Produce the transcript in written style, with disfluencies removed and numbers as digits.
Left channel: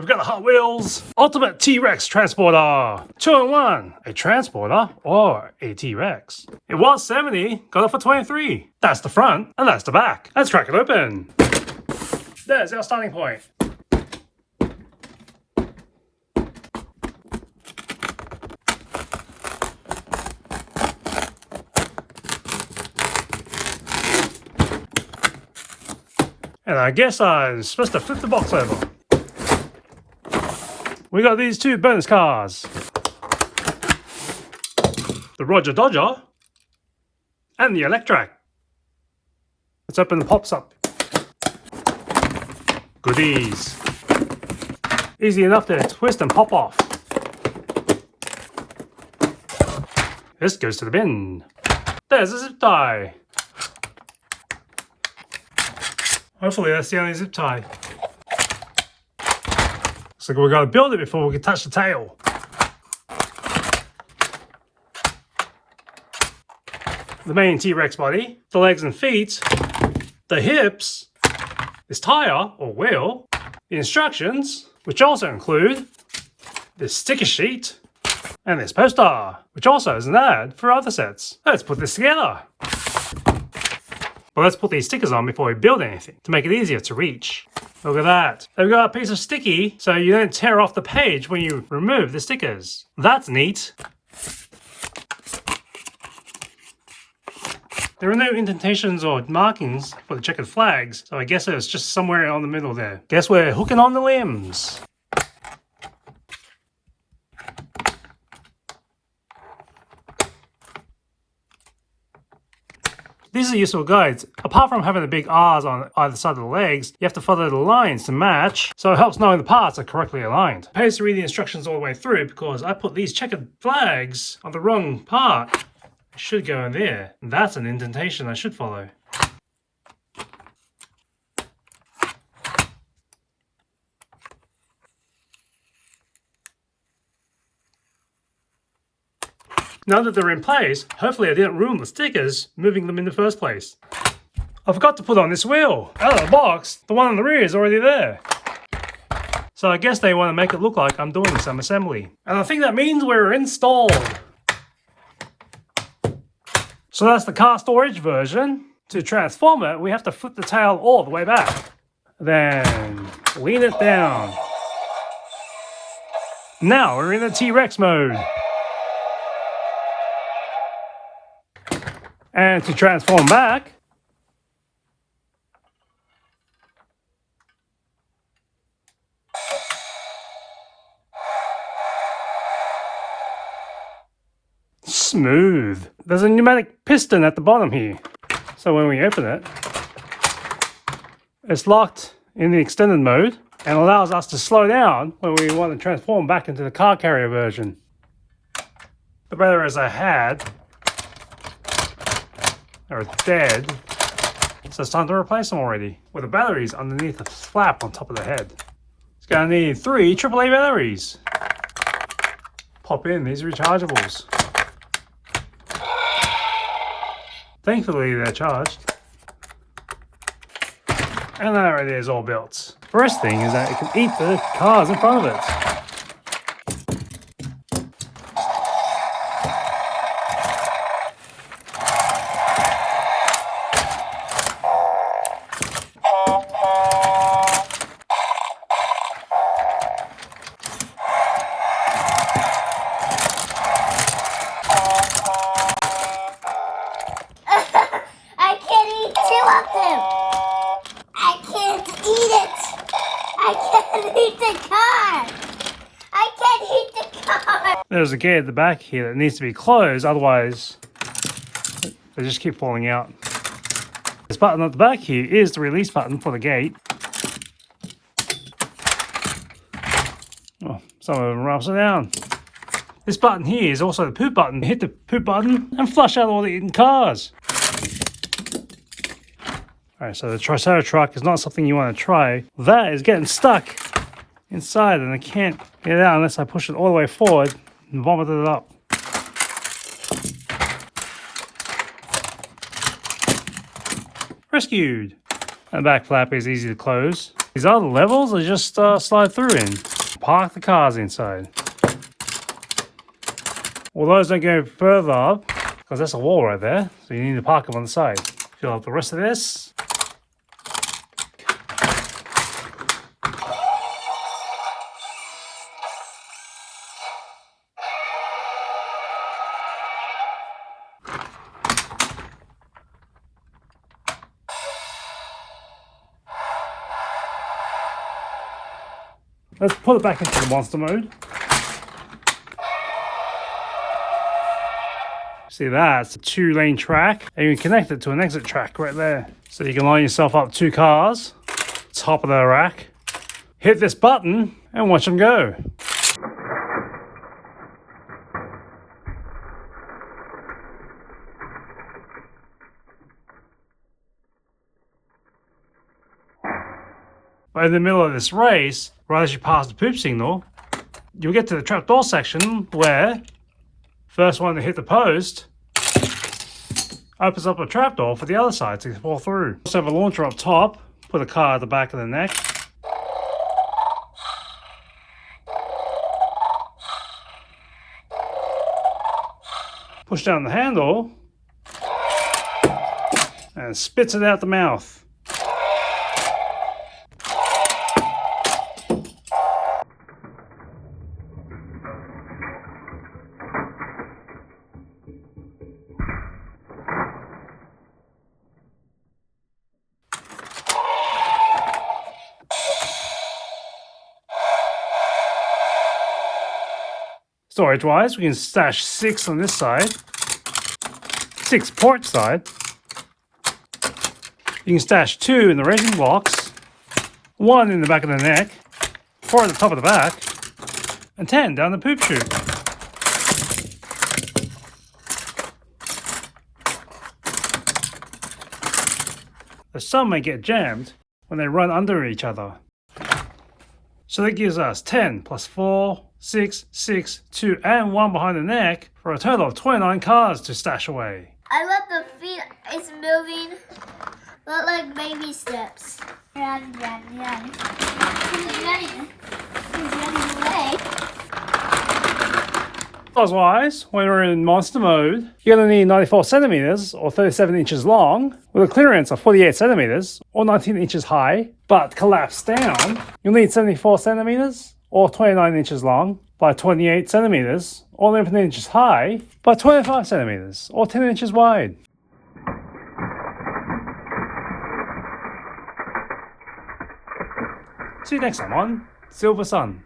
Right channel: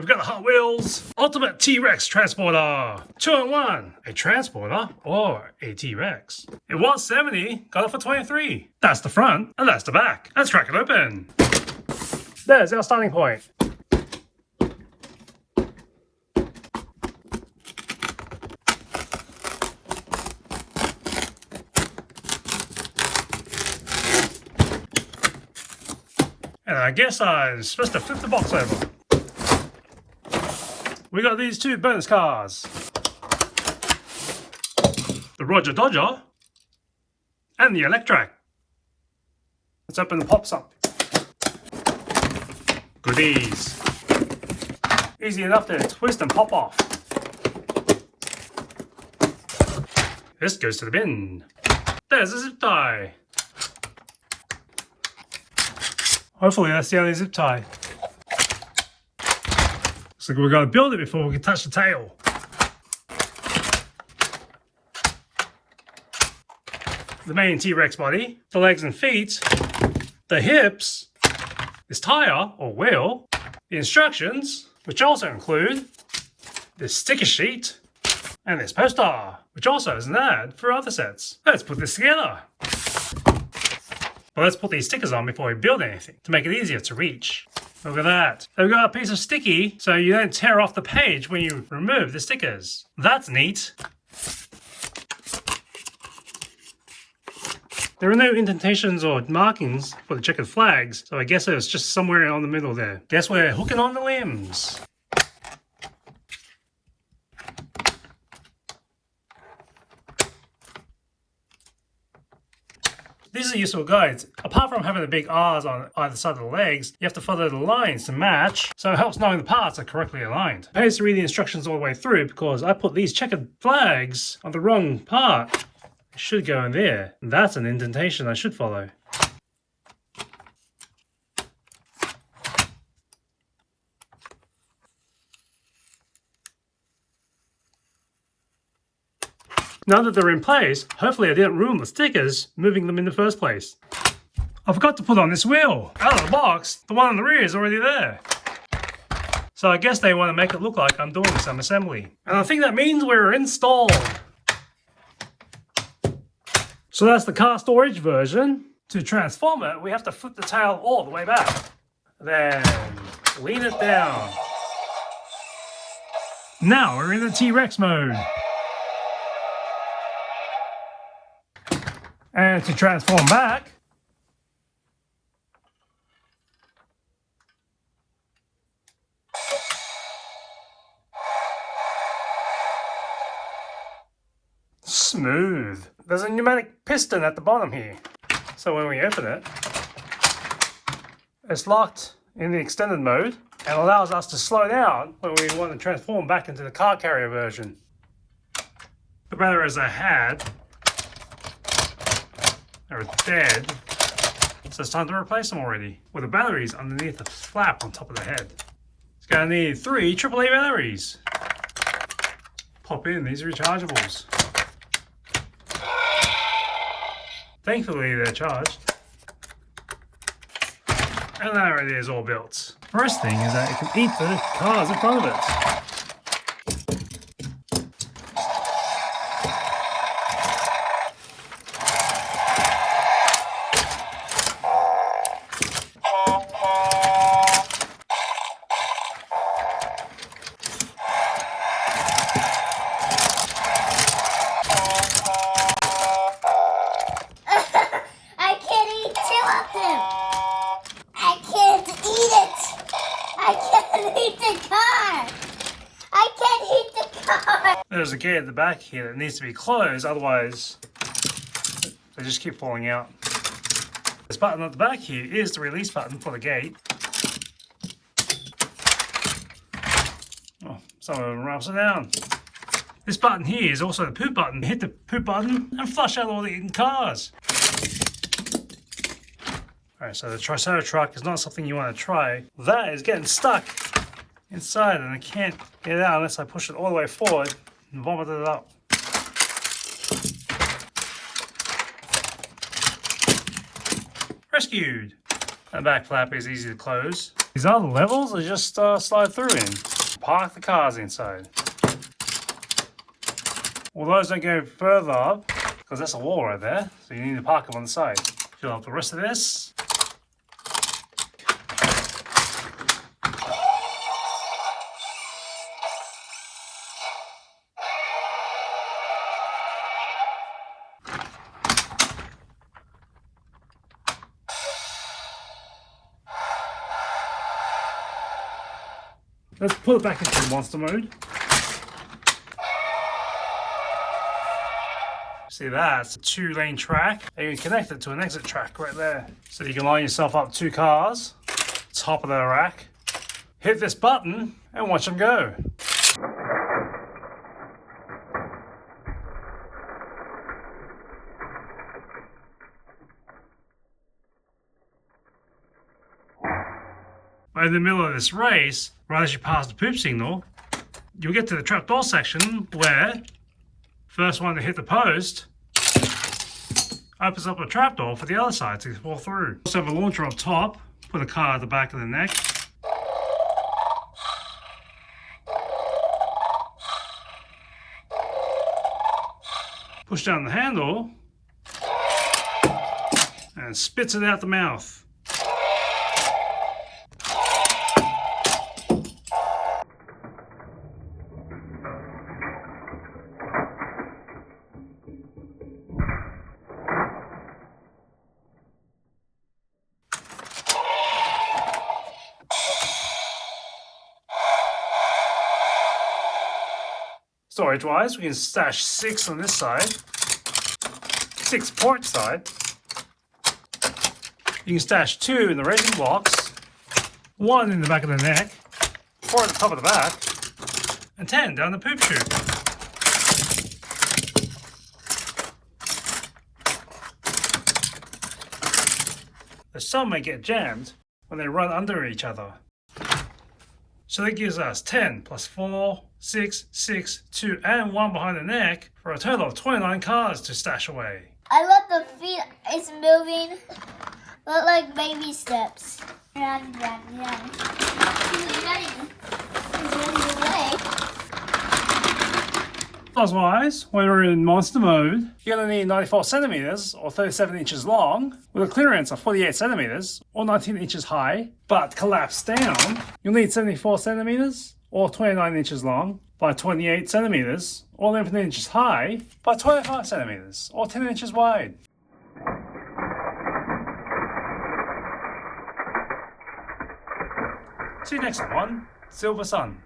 We've got the Hot Wheels Ultimate T-Rex Transporter. 2-in-1. A transporter or a T-Rex. It was 70, got it for 23. That's the front and that's the back. Let's crack it open. There's our starting point. And I guess I'm supposed to flip the box over. We got these two bonus cars. The Roger Dodger and the Electrac. Let's open the pops up. Goodies. Easy enough to twist and pop off. This goes to the bin. There's a zip tie. Hopefully that's the only zip tie. Looks like we've got to build it before we can touch the tail. The main T-Rex body, the legs and feet, the hips, this tire or wheel, the instructions, which also include this sticker sheet, and this poster, which also is an ad for other sets. Let's put this together. But let's put these stickers on before we build anything to make it easier to reach. Look at that. They've got a piece of sticky so you don't tear off the page when you remove the stickers. That's neat. There are no indentations or markings for the checkered flags, so I guess it's just somewhere on the middle there. Guess we're hooking on the limbs. These are useful guides. Apart from having the big R's on either side of the legs, you have to follow the lines to match, so it helps knowing the parts are correctly aligned. It pays to read the instructions all the way through because I put these checkered flags on the wrong part. It should go in there. That's an indentation I should follow. Now that they're in place, hopefully I didn't ruin the stickers moving them in the first place. I forgot to put on this wheel. Out of the box, the one on the rear is already there. So I guess they want to make it look like I'm doing some assembly. And I think that means we're installed. So that's the car storage version. To transform it, we have to flip the tail all the way back. Then lean it down. Now we're in the T-Rex mode. And to transform back, smooth. There's a pneumatic piston at the bottom here. So when we open it, it's locked in the extended mode and allows us to slow down when we want to transform back into the car carrier version. The batteries I had are dead, so it's time to replace them already. With the batteries underneath the flap on top of the head. It's gonna need 3 AAA batteries. Pop in these rechargeables. Thankfully they're charged. And then it is all built. First thing is that it can eat the cars in front of it. There's a gate at the back here that needs to be closed, otherwise they just keep falling out. This button at the back here is the release button for the gate. Oh, some of them are upside down. This button here is also the poop button. Hit the poop button and flush out all the eaten cars. Alright, so the Triceratruck is not something you want to try. That is getting stuck inside and I can't get it out unless I push it all the way forward and vomit it up. Rescued. And the back flap is easy to close. These other levels are just slide through in. Park the cars inside. Well, those don't go further up because that's a wall right there. So you need to park them on the side. Fill up the rest of this. Let's put it back into the monster mode. See that? It's a 2-lane track, and you can connect it to an exit track right there. So you can line yourself up 2 cars, top of the rack, hit this button, and watch them go. Right in the middle of this race, right as you pass the poop signal, you'll get to the trapdoor section where first one to hit the post opens up a trapdoor for the other side to fall through. Let's have a launcher up top, put a car at the back of the neck. Push down the handle and spits it out the mouth. Storage wise, we can stash 6 on this side, 6 port side. You can stash 2 in the racing box, 1 in the back of the neck, 4 at the top of the back, and 10 down the poop tube. The some may get jammed when they run under each other. So that gives us 10 plus 4, 6, 6, 2, and 1 behind the neck for a total of 29 cars to stash away. I let the feet, it's moving, but like baby steps. Run, run, run. He's running. He's running away. Size-wise, when we're in monster mode, you're going to need 94 centimeters or 37 inches long with a clearance of 48 centimeters or 19 inches high, but collapsed down, you'll need 74 centimeters or 29 inches long by 28 centimeters or 11 inches high by 25 centimeters or 10 inches wide. See you next one, Silver Sun.